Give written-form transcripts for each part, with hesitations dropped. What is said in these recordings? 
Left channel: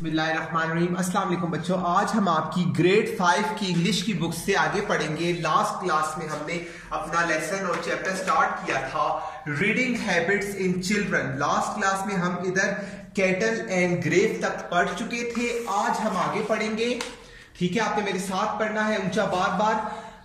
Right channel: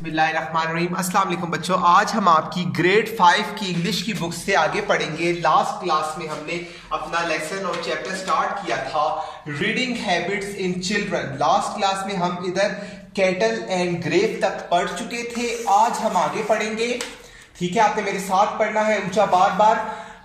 बिस्मिल्लाहिर्रहमानिर्रहीम। अस्सलाम वालेकुम बच्चों, आज हम आपकी ग्रेड 5 की इंग्लिश की बुक से आगे पढ़ेंगे। लास्ट क्लास में हमने अपना लेसन और चैप्टर स्टार्ट किया था reading habits in children. Last class में हम इधर कैटल एंड ग्रेव तक पढ़ चुके थे। आज हम आगे पढ़ेंगे, ठीक है। आपने मेरे साथ पढ़ना है ऊंचा बार बार।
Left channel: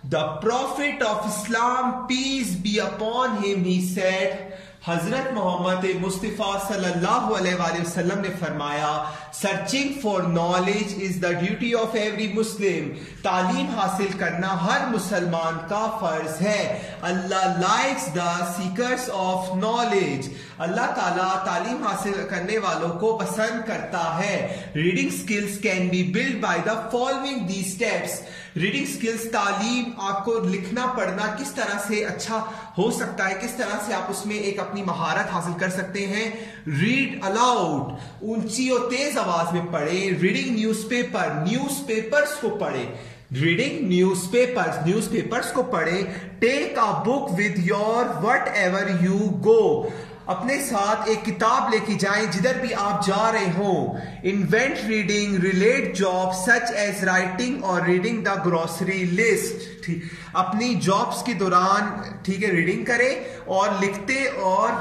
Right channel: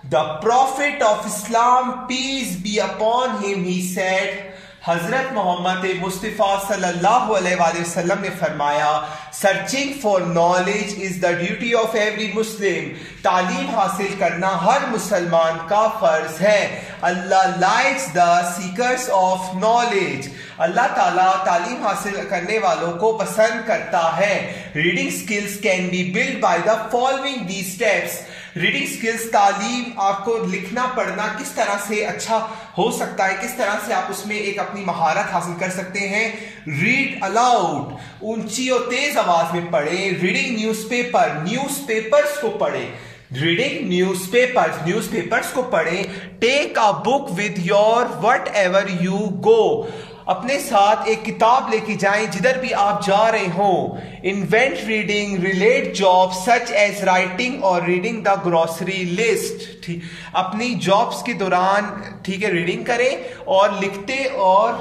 The prophet of Islam peace be upon him he said, हजरत मोहम्मद मुस्तफा सल्लल्लाहु अलैहि वसल्लम ने फरमाया, searching for knowledge is the duty of every Muslim. तालीम हासिल करना हर मुसलमान का फर्ज है। Allah likes the seekers of knowledge. अल्लाह ताला तालीम हासिल करने वालों को पसंद करता है। Reading skills can be build by the following these steps. Reading skills, तालीम, आपको लिखना पढ़ना किस तरह से अच्छा हो सकता है, किस तरह से आप उसमें एक अपनी महारत हासिल कर सकते हैं। रीड अलाउड, ऊंची और तेज आवाज में पढ़े। रीडिंग न्यूज़पेपर, न्यूज़पेपर्स को पढ़े। रीडिंग न्यूज़पेपर्स को पढ़े। Take a book with your wherever you go, अपने साथ एक किताब लेके जाएं जिधर भी आप जा रहे हो। Invent reading relate job such as writing और रीडिंग द ग्रोसरी लिस्ट। ठीक, अपनी जॉब्स के दौरान, ठीक है, रीडिंग करें और लिखते और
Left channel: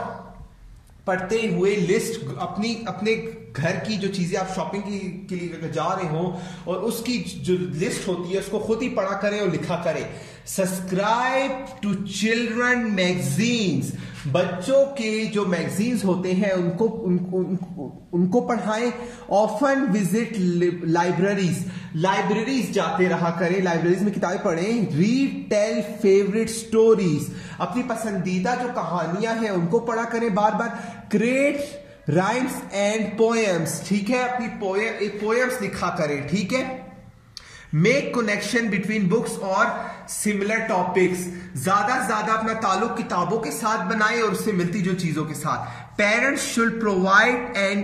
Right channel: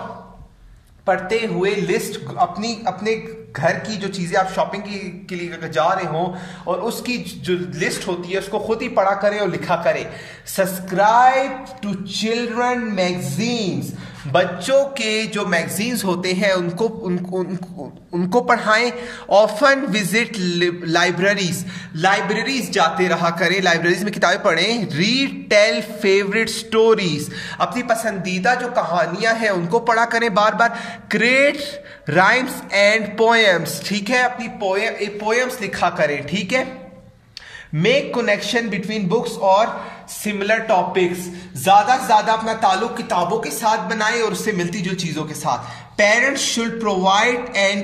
पढ़ते हुए लिस्ट, अपने घर की जो चीजें आप शॉपिंग के लिए जा रहे हो और उसकी जो लिस्ट होती है उसको खुद ही पढ़ा करें और लिखा करें। सब्सक्राइब टू चिल्ड्रन मैगजीन्स, बच्चों के जो मैगजीन्स होते हैं उनको पढ़ाएं। ऑफन विजिट लाइब्रेरीज जाते रहा करें, लाइब्रेरीज में किताबें पढ़ें। रीड टेल फेवरेट स्टोरीज, अपनी पसंदीदा जो कहानियां हैं उनको पढ़ा करें बार बार। क्रिएट राइम्स एंड पोएम्स, ठीक है, अपनी पोएम्स लिखा करें, ठीक है। मेक कनेक्शन बिटवीन बुक्स और सिमिलर टॉपिक्स, ज्यादा से ज्यादा अपना ताल्लुक किताबों के साथ बनाएं और उससे मिलती जो चीजों के साथ। Parents should provide an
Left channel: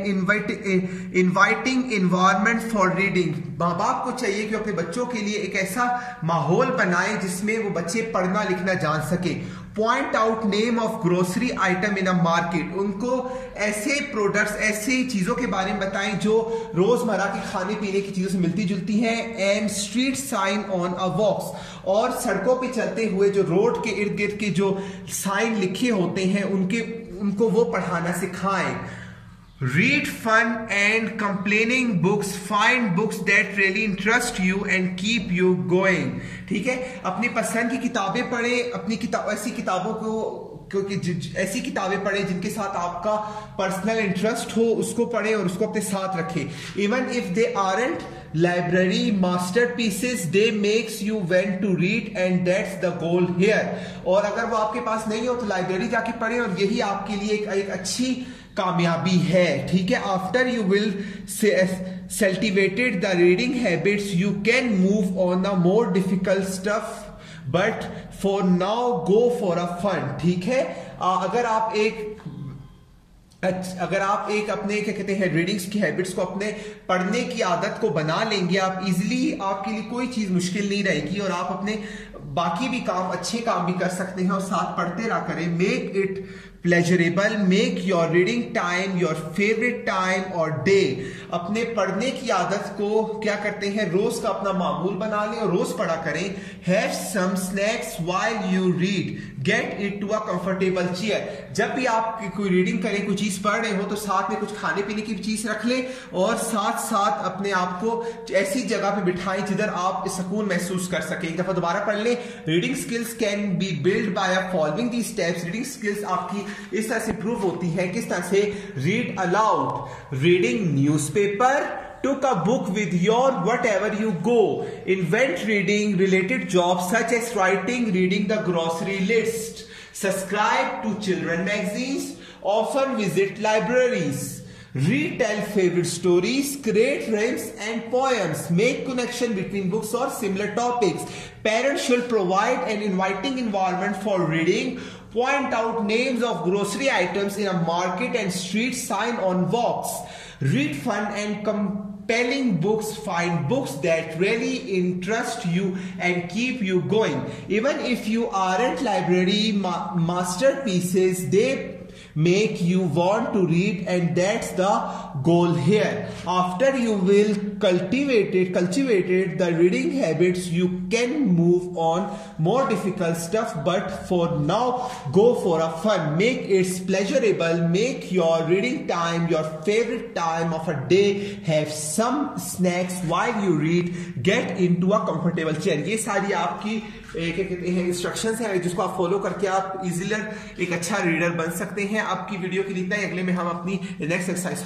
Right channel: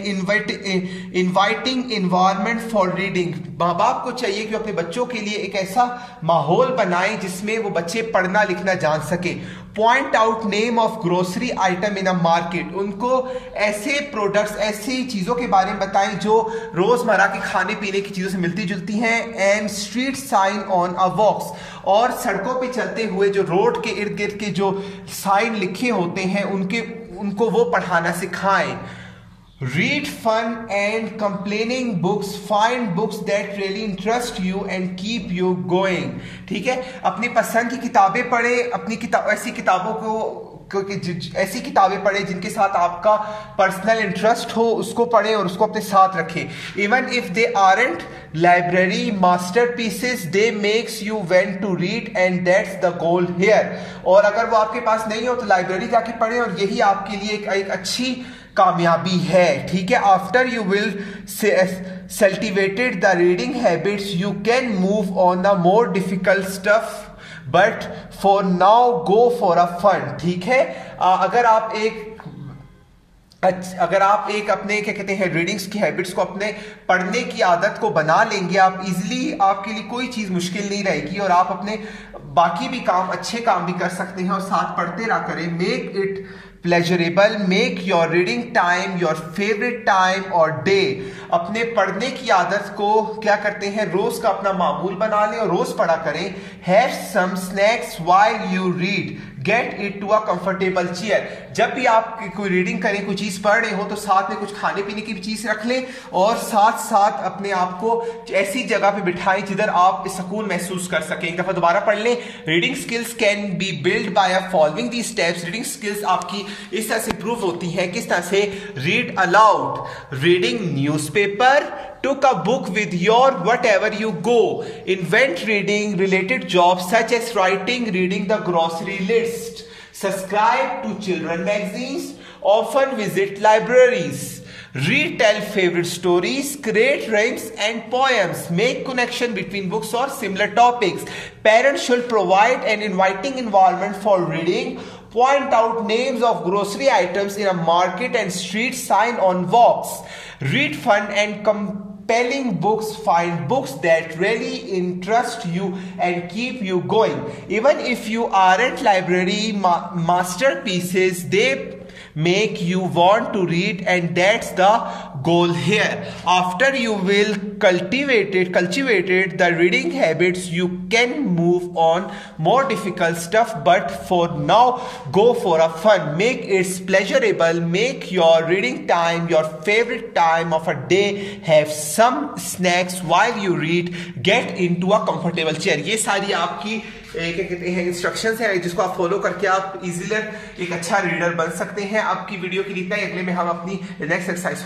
inviting environment for reading, माँ बाप को चाहिए कि अपने बच्चों के लिए एक ऐसा माहौल बनाएं जिसमें वो बच्चे पढ़ना लिखना जान सके। Point out name of grocery item in a market, उनको ऐसे प्रोडक्ट्स, ऐसी चीजों के बारे में बताएं जो रोजमर्रा के खाने पीने की चीजों से मिलती जुलती हैं। And street sign on a walks, और सड़कों पे चलते हुए जो रोड के इर्द गिर्द के जो साइन लिखे होते हैं उनको वो पढ़ाना सिखाएं। Read fun and complaining books, find books that really interest you and keep you going, ठीक है। अपनी पसंद की किताबें पढ़े, ऐसी किताबों को ऐसी किताबें पढ़े जिनके साथ आपका पर्सनल इंटरेस्ट हो, उसको पढ़े और उसको अपने साथ रखें। Even if they aren't library masterpieces, they make you want to read and that's the goal here. और अगर वो आपके पास नहीं हो तो लाइब्रेरी जाके पढ़े और यही आपके लिए एक अच्छी कामयाबी है, ठीक है। After you will cultivated the reading habits, you can move on the more difficult stuff, but for now go for a fun, ठीक है। अगर आप एक अपने क्या कहते हैं रीडिंग्स की हैबिट्स को, अपने पढ़ने की आदत को बना लेंगे, आप इजीली, आपके लिए कोई चीज मुश्किल नहीं रहेगी और आप अपने बाकी भी काम, अच्छे काम भी कर सकते हैं और साथ पढ़ते रहा करें। Make it pleasurable, make your reading time your favourite time और डे, अपने पढ़ने की आदत को क्या करते हैं, रोज का अपना मामूल बना लें और रोज पढ़ा करें। Have some snacks while you read, get it to a comfortable chair, जब भी आप कोई रीडिंग करें, कोई चीज पढ़ रहे हो तो साथ में कुछ खाने पीने की भी चीज रख लें और साथ साथ अपने आप को ऐसी जगह पे बिठाएं जिधर आप सुकून महसूस कर सकें। एक दफा दोबारा पढ़ लें। Reading skills can be build by following these steps, reading skills आपकी इस तरह से इंप्रूव होती है, किस तरह से। Read aloud, reading newspaper, took a book with your whatever you go, invent reading related jobs such as writing, reading the grocery list, subscribe to children magazines, often visit libraries, read tell favorite stories, create rhymes and poems, make connection between books or similar topics. Parents should provide an inviting environment for reading. Point out names of grocery items in a market and street sign on walks. Read fun and compelling books. Find books that really interest you and keep you going. Even if you aren't library masterpieces, they make you want to read, and that's the goal here. After you will cultivated the reading habits, you can move on more difficult stuff, but for now go for a fun. Make it pleasurable. Make your reading time your favorite time of a day. Have some snacks while you read. Get into a comfortable chair. ये सारी आपकी क्या कहते हैं instructions है जिसको आप follow करके आप इजीली एक अच्छा रीडर बन सकते हैं। आपकी वीडियो के लिए इतना ही। अगले में हम अपनी नेक्स्ट एक्सरसाइज